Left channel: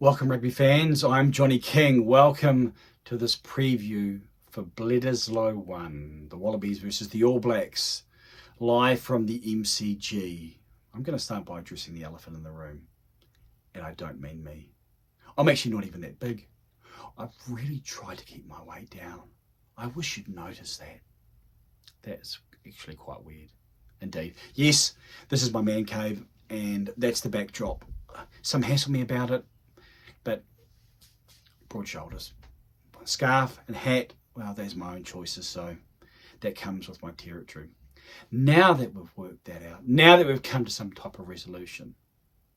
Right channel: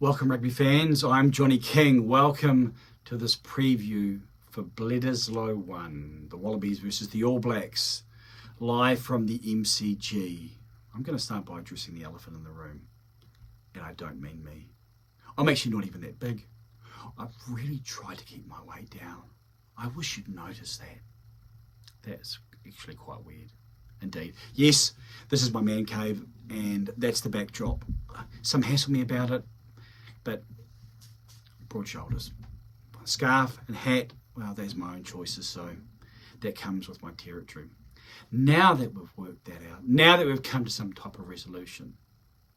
Welcome rugby fans, I'm Johnny King. Welcome to this preview for Bledisloe 1, the Wallabies versus the All Blacks, live from the MCG. I'm going to start by addressing the elephant in the room, and I don't mean me. I'm actually not even that big. I've really tried to keep my weight down. I wish you'd notice that. That's actually quite weird. Indeed. Yes, this is my man cave, and that's the backdrop. Some hassle me about it, but broad shoulders. Scarf and hat, well, that's my own choices, so that comes with my territory. Now that we've worked that out, now that we've come to some type of resolution,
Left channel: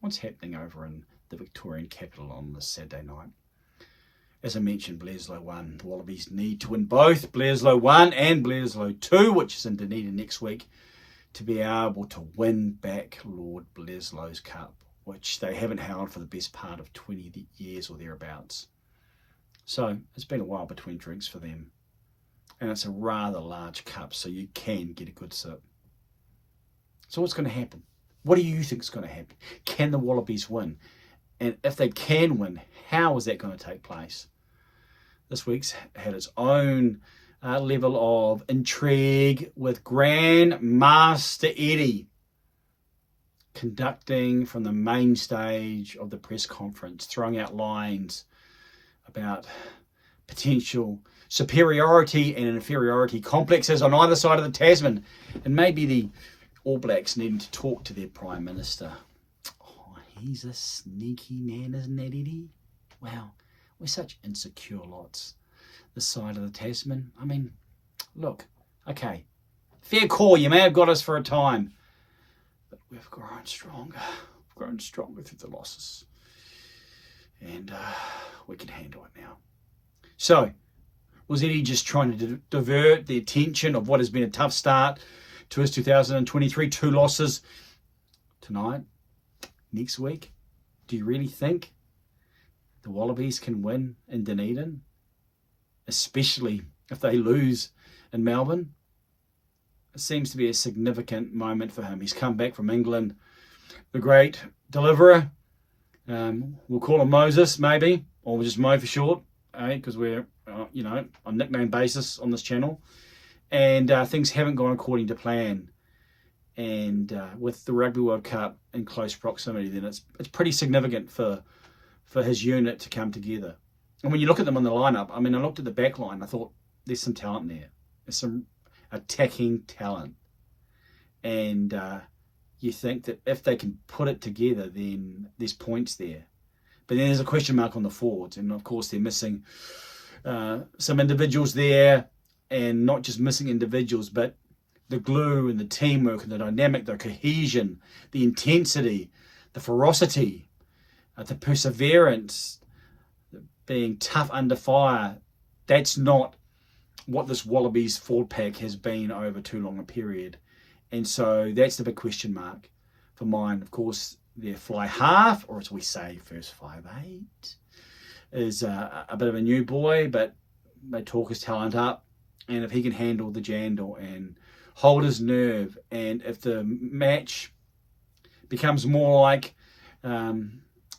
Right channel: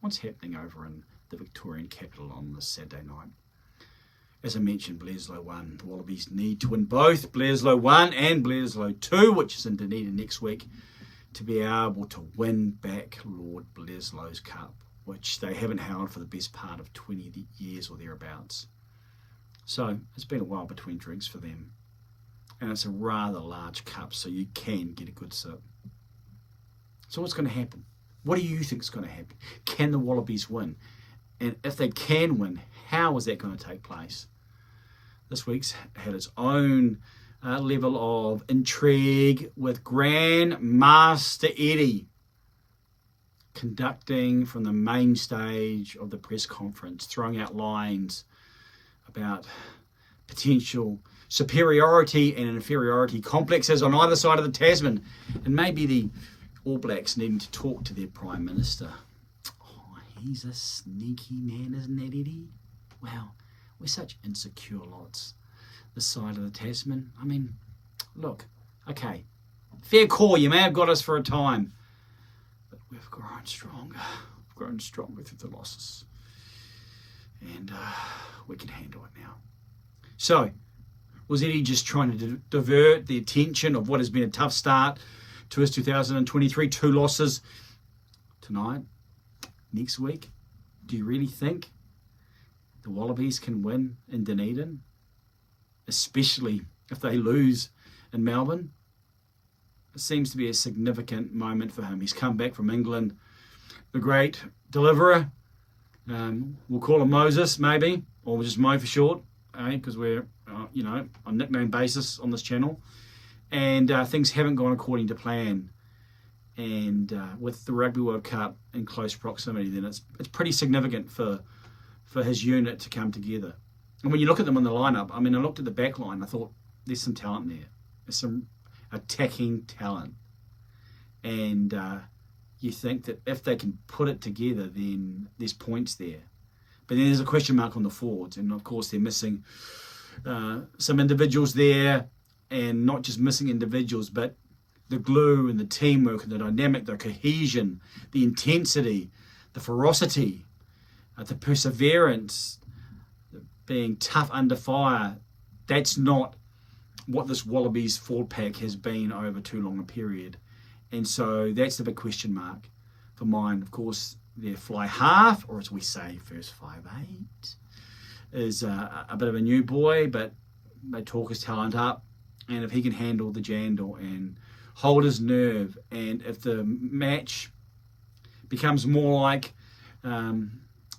what's happening over in the Victorian capital on this Saturday night? As I mentioned, Bledisloe 1, the Wallabies need to win both Bledisloe 1 and Bledisloe 2, which is in Dunedin next week, to be able to win back Lord Bledisloe's Cup, which they haven't held for the best part of 20 years or thereabouts. So it's been a while between drinks for them. And it's a rather large cup, so you can get a good sip. So what's going to happen? What do you think is going to happen? Can the Wallabies win? And if they can win, how is that going to take place? This week's had its own level of intrigue with Grand Master Eddie conducting from the main stage of the press conference, throwing out lines about potential superiority and inferiority complexes on either side of the Tasman, and maybe the All Blacks needing to talk to their Prime Minister. Oh, he's a sneaky man, isn't that, Eddie? Wow, we're such insecure lots, this side of the Tasman. I mean, look, okay, fair call, you may have got us for a time, but we've grown stronger. We've grown stronger through the losses. And we can handle it now. So, was Eddie just trying to divert the attention of what has been a tough start to his 2023? 2 losses tonight, next week. Do you really think the Wallabies can win in Dunedin? Especially if they lose in Melbourne? It seems to be a significant moment for him. He's come back from England, the great deliverer. We'll call him Moses, maybe, or just Mo for short, because we're, on nickname basis on this channel. And things haven't gone according to plan. And with the Rugby World Cup in close proximity, then it's pretty significant for his unit to come together. And when you look at them in the lineup, I mean, I looked at the back line, I thought there's some talent there. There's some attacking talent. And you think that if they can put it together, then there's points there. But then there's a question mark on the forwards. And of course, they're missing some individuals there. And not just missing individuals, but the glue and the teamwork and the dynamic, the cohesion, the intensity, the ferocity, the perseverance, being tough under fire. That's not what this Wallabies forward pack has been over too long a period. And so that's the big question mark for mine. Of course, their fly half, or as we say, first 5'8", is a bit of a new boy, but they talk his talent up. And if he can handle the jandle and hold his nerve, and if the match becomes more like the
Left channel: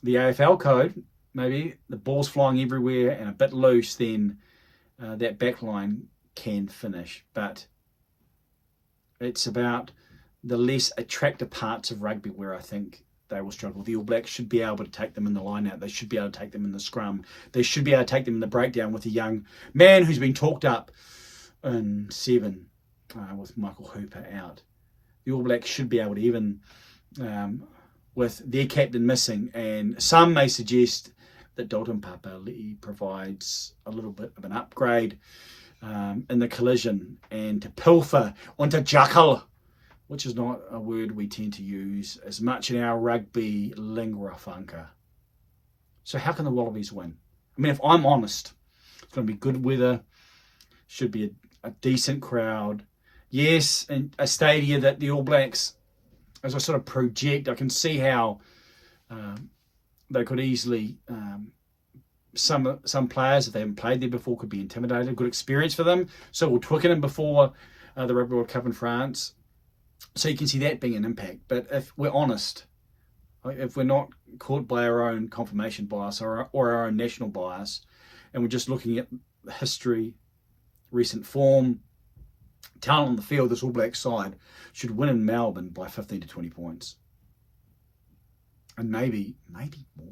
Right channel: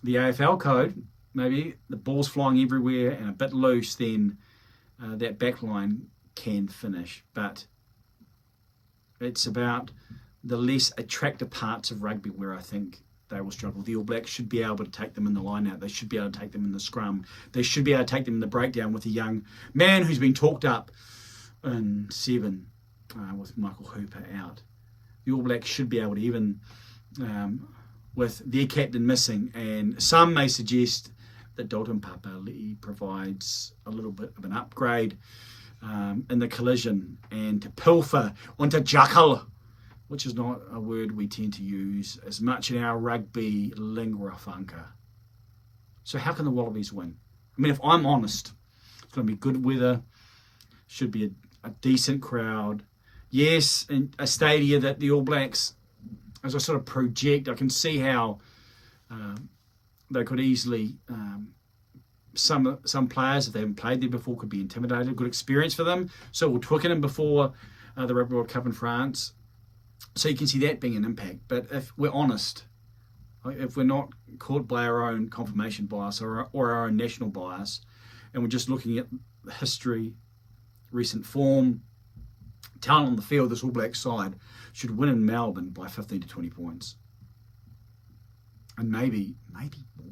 AFL code, maybe the ball's flying everywhere and a bit loose, then that back line can finish. But it's about the less attractive parts of rugby where I think they will struggle. The All Blacks should be able to take them in the line-out. They should be able to take them in the scrum. They should be able to take them in the breakdown with a young man who's been talked up in 7 with Michael Hooper out. The All Blacks should be able to, even with their captain missing, and some may suggest that Dalton Papali'i provides a little bit of an upgrade in the collision, and to pilfer onto jackal, which is not a word we tend to use as much in our rugby lingua franca. So how can the Wallabies win? I mean, if I'm honest, it's going to be good weather, should be a decent crowd. Yes, and a stadia that the All Blacks, as I sort of project, I can see how they could easily, some players, if they haven't played there before, could be intimidated. Good experience for them. So we'll Twickenham before the Rugby World Cup in France. So you can see that being an impact. But if we're honest, if we're not caught by our own confirmation bias or our own national bias, and we're just looking at history, recent form, talent on the field, this All Black side should win in Melbourne by 15 to 20 points. And maybe more.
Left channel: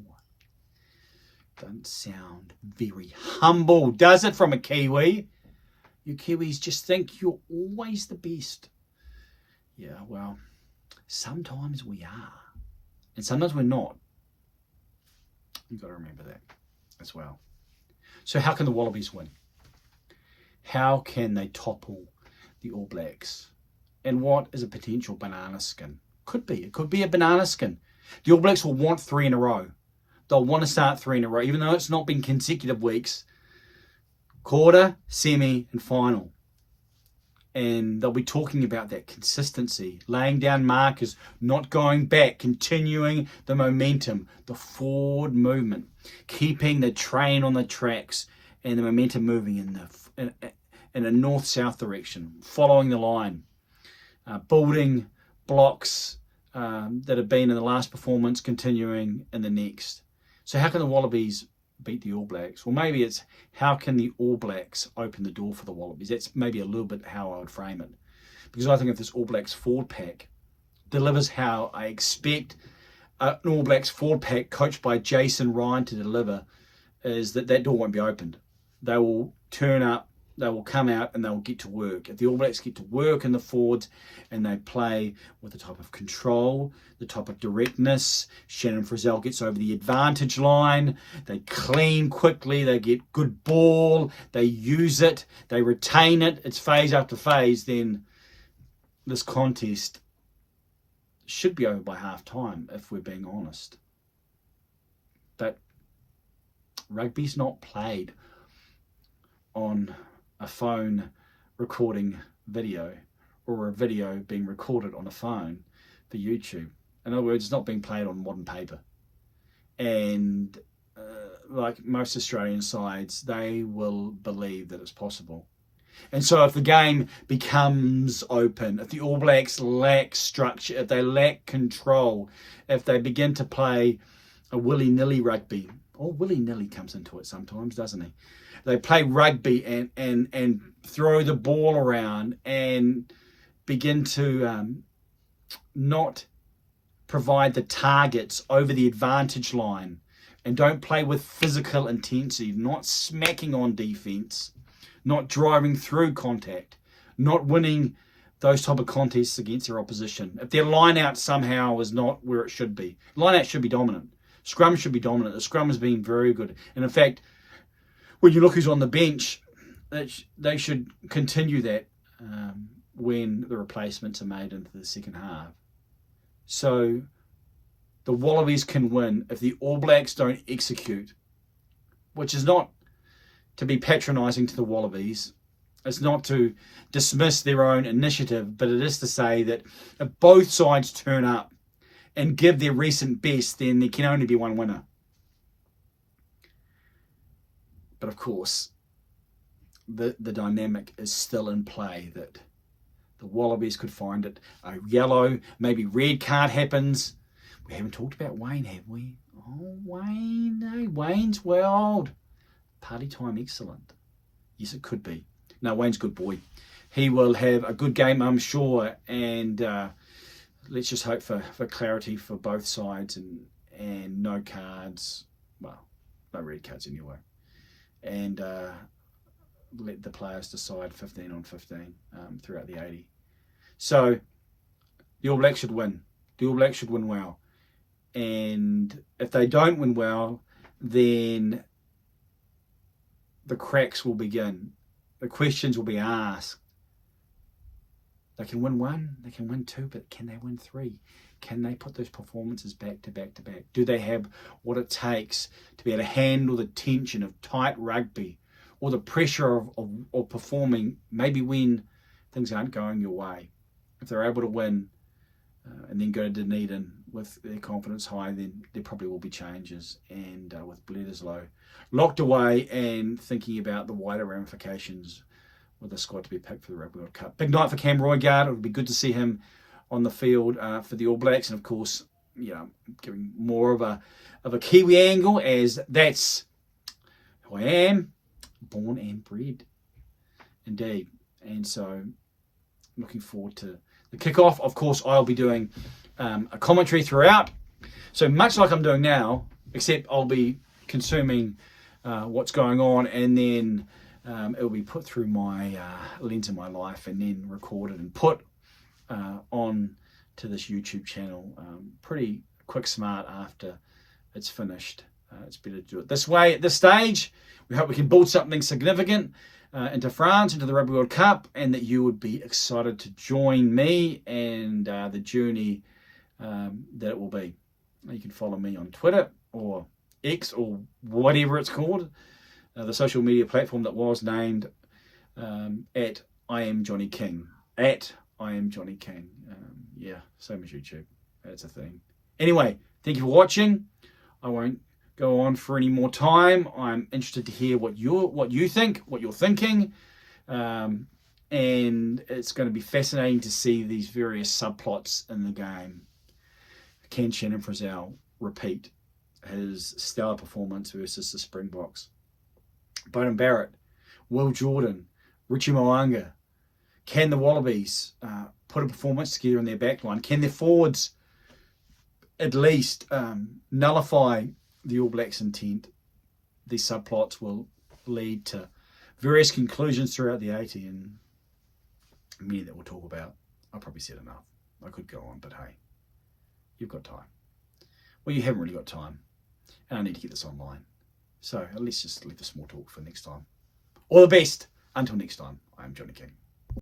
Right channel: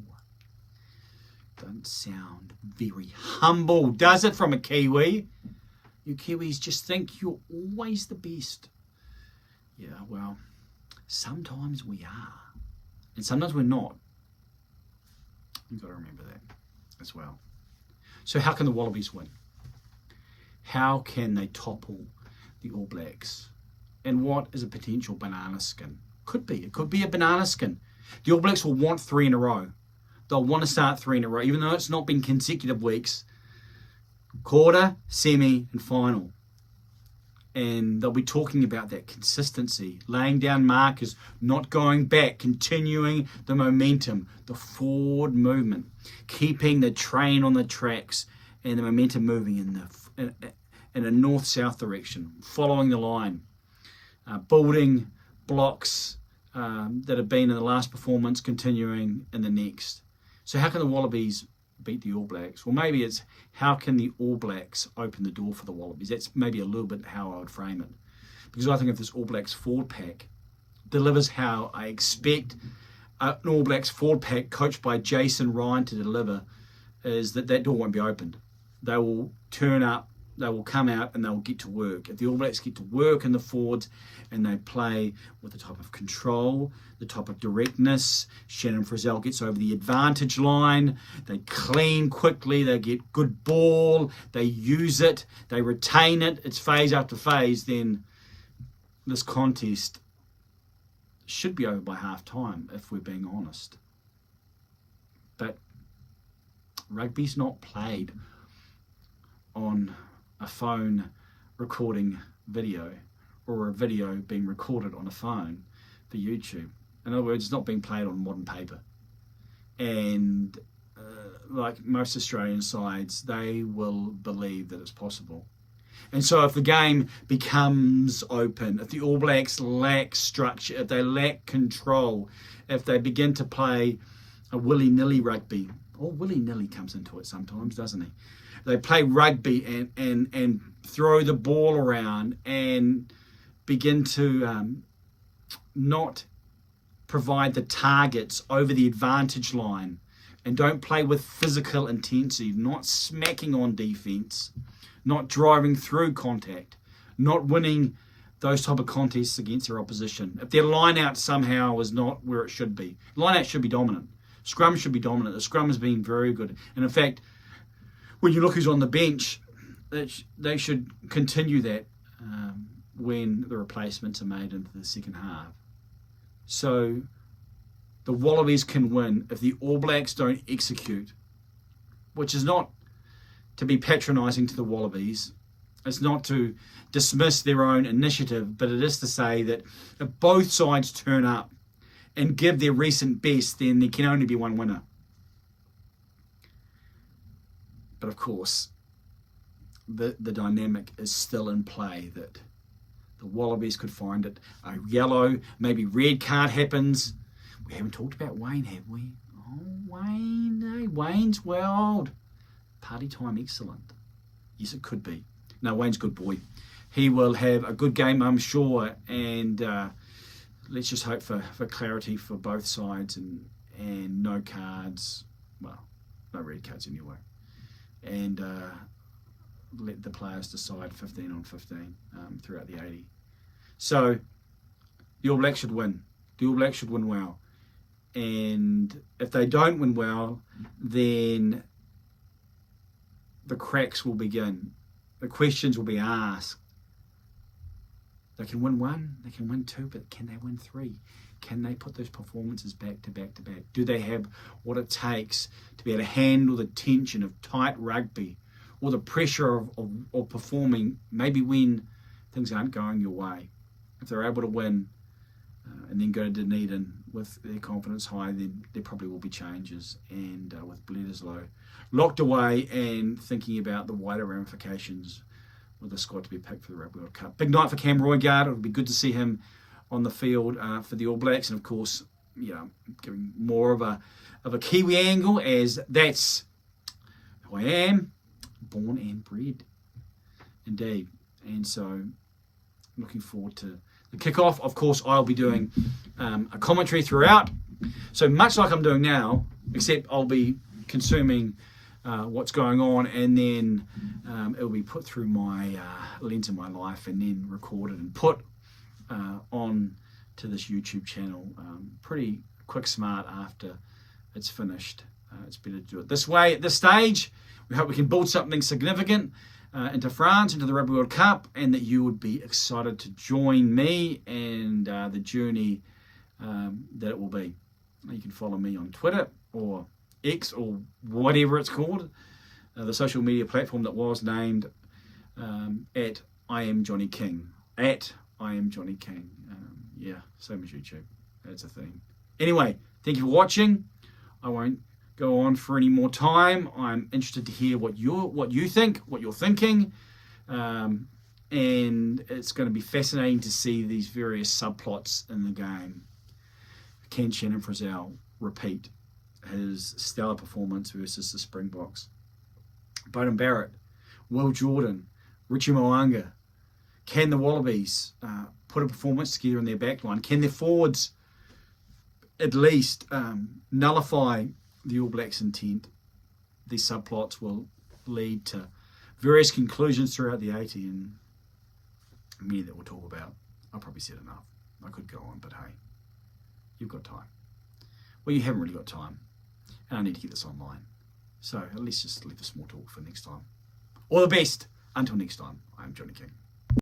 Doesn't sound very humble, does it, from a Kiwi? You Kiwis just think you're always the best. Yeah, well, sometimes we are. And sometimes we're not. You've got to remember that as well. So how can the Wallabies win? How can they topple the All Blacks? And what is a potential banana skin? It could be a banana skin. The All Blacks will want 3 in a row. They'll want to start 3 in a row, even though it's not been consecutive weeks. Quarter, semi, and final. And they'll be talking about that consistency, laying down markers, not going back, continuing the momentum, the forward movement, keeping the train on the tracks and the momentum moving in a north-south direction, following the line, building blocks that have been in the last performance, continuing in the next. So how can the Wallabies beat the All Blacks? Well, maybe it's how can the All Blacks open the door for the Wallabies? That's maybe a little bit how I would frame it. Because I think if this All Blacks forward pack delivers how I expect an All Blacks forward pack coached by Jason Ryan to deliver, is that door won't be opened. They will turn up, they will come out, and they will get to work. If the All Blacks get to work in the forwards and they play with the type of control, the type of directness, Shannon Frizzell gets over the advantage line, they clean quickly, they get good ball, they use it, they retain it, it's phase after phase, then this contest should be over by half time, if we're being honest. But rugby's not played on a phone recording video or a video being recorded on a phone for YouTube. In other words, it's not being played on modern paper. And like most Australian sides, they will believe that it's possible. And so if the game becomes open, if the All Blacks lack structure, if they lack control, if they begin to play a willy-nilly rugby, willy-nilly comes into it sometimes, doesn't he? They play rugby and throw the ball around and begin to not provide the targets over the advantage line and don't play with physical intensity, not smacking on defence, not driving through contact, not winning those type of contests against their opposition. If their line-out somehow is not where it should be. Line-out should be dominant. Scrum should be dominant. The scrum has been very good. And in fact, when you look who's on the bench, they should continue that when the replacements are made into the second half. So the Wallabies can win if the All Blacks don't execute, which is not to be patronising to the Wallabies. It's not to dismiss their own initiative, but it is to say that if both sides turn up and give their recent best, then there can only be one winner. But of course, the dynamic is still in play that the Wallabies could find it. A yellow, maybe red card happens. We haven't talked about Wayne, have we? Oh, Wayne. Wayne's wild. Party time, excellent. Yes, it could be. No, Wayne's a good boy. He will have a good game, I'm sure. And let's just hope for clarity for both sides and no cards. Well, no red cards anyway. And let the players decide 15 on 15 throughout the 80. So the All Blacks should win. The All Blacks should win well. And if they don't win well, then the cracks will begin. The questions will be asked. They can win 1, they can win 2, but can they win 3? Can they put those performances back to back to back? Do they have what it takes to be able to handle the tension of tight rugby or the pressure of performing maybe when things aren't going your way? If they're able to win and then go to Dunedin with their confidence high, then there probably will be changes. And with Bledisloe locked away and thinking about the wider ramifications with the squad to be picked for the Rugby World Cup. Big night for Cam Roigard. It would be good to see him on the field for the All Blacks. And of course, giving more of a Kiwi angle, as that's who I am, born and bred, indeed. And so, looking forward to the kickoff. Of course, I'll be doing a commentary throughout. So much like I'm doing now, except I'll be consuming what's going on, and then it'll be put through my lens of my life, and then recorded and put on to this YouTube channel pretty quick smart after it's finished. It's better to do it this way at this stage. We hope we can build something significant into France, into the Rugby World Cup, and that you would be excited to join me and the journey that it will be. You can follow me on Twitter or X or whatever it's called, the social media platform that was named at I am Johnny King. At I am Johnny King. Same as YouTube. That's a thing. Anyway, thank you for watching. I won't go on for any more time. I'm interested to hear what you think, what you're thinking, and it's going to be fascinating to see these various subplots in the game. Can Shannon Frizzell repeat his stellar performance versus the Springboks? Beauden Barrett, Will Jordan, Richie Mo'unga. Can the Wallabies put a performance together in their backline? Can their forwards at least nullify the All Blacks' intent? These subplots will lead to various conclusions throughout the 80, and many that we'll talk about. I've probably said enough. I could go on, but hey, you've got time. Well, you haven't really got time, and I need to get this online. So let's just leave the small talk for next time. All the best. Until next time, I am Johnny King.